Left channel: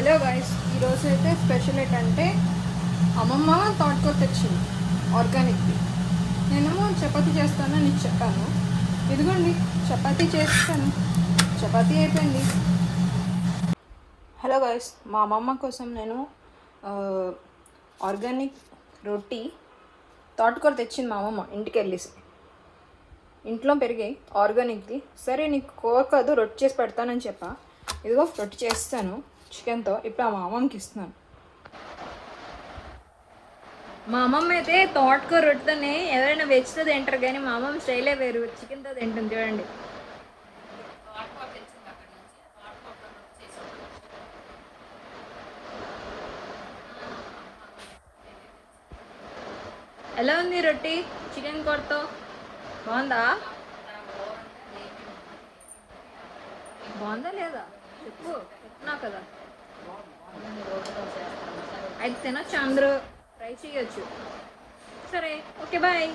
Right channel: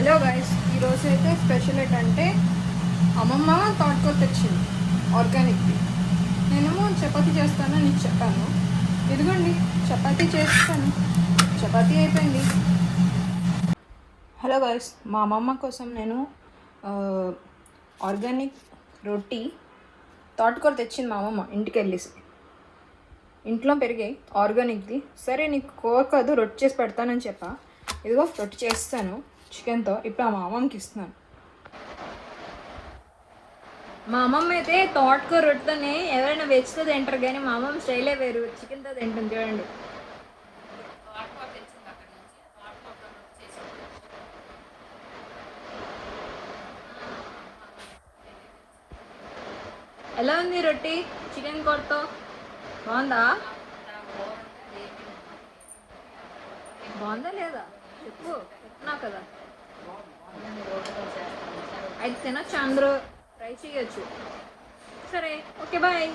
Hello guys, ఈరోజు అయితే special ఏంటంటే అమ్మమ్మ తోటకూర తెచ్చింది ఆర్గానిక్. నేను చపాతీ చేస్తాను, నీకు చపాతీ ఇదిగోండి. చపాతీ చేస్తాను, చపాతీ అయిపోయింది. హలో గైస్, మా అమ్మమ్మ కోసం నేను ఆర్గానిక్ రొట్టి తోటకూర తెచ్చింది మా అమ్మమ్మ ఇంటికి వెళ్ళేసి. ఇంట్లో పెరిగాయి ఆర్గానిక్ది. సరే నీకు కూర కాదు రొట్టి చేసి పెడతానని చెప్పా. ఇదిగో రొట్టి చేస్తాను చికెన్తో. ఇప్పుడు మా అమ్మమ్మకి ఇస్తున్నాను. మా అమ్మమ్మ అయితే తోటకూర రొట్టెతోనే ఎవరైనా వెజ్తో తింటారు, కానీ మా అమ్మమ్మ స్టైలే వేరు, చికెన్తో తింటుంది. చూడండి ఎలా ఉంది రొట్టి చికెన్ కూరతో. బాగుందా? బాగుందా లేదా చెప్పు, చెప్తున్నా కదా. అయితే తినొచ్చు, అందరూ ట్రై చేయొచ్చు. సరే, ఓకే, బాయ్.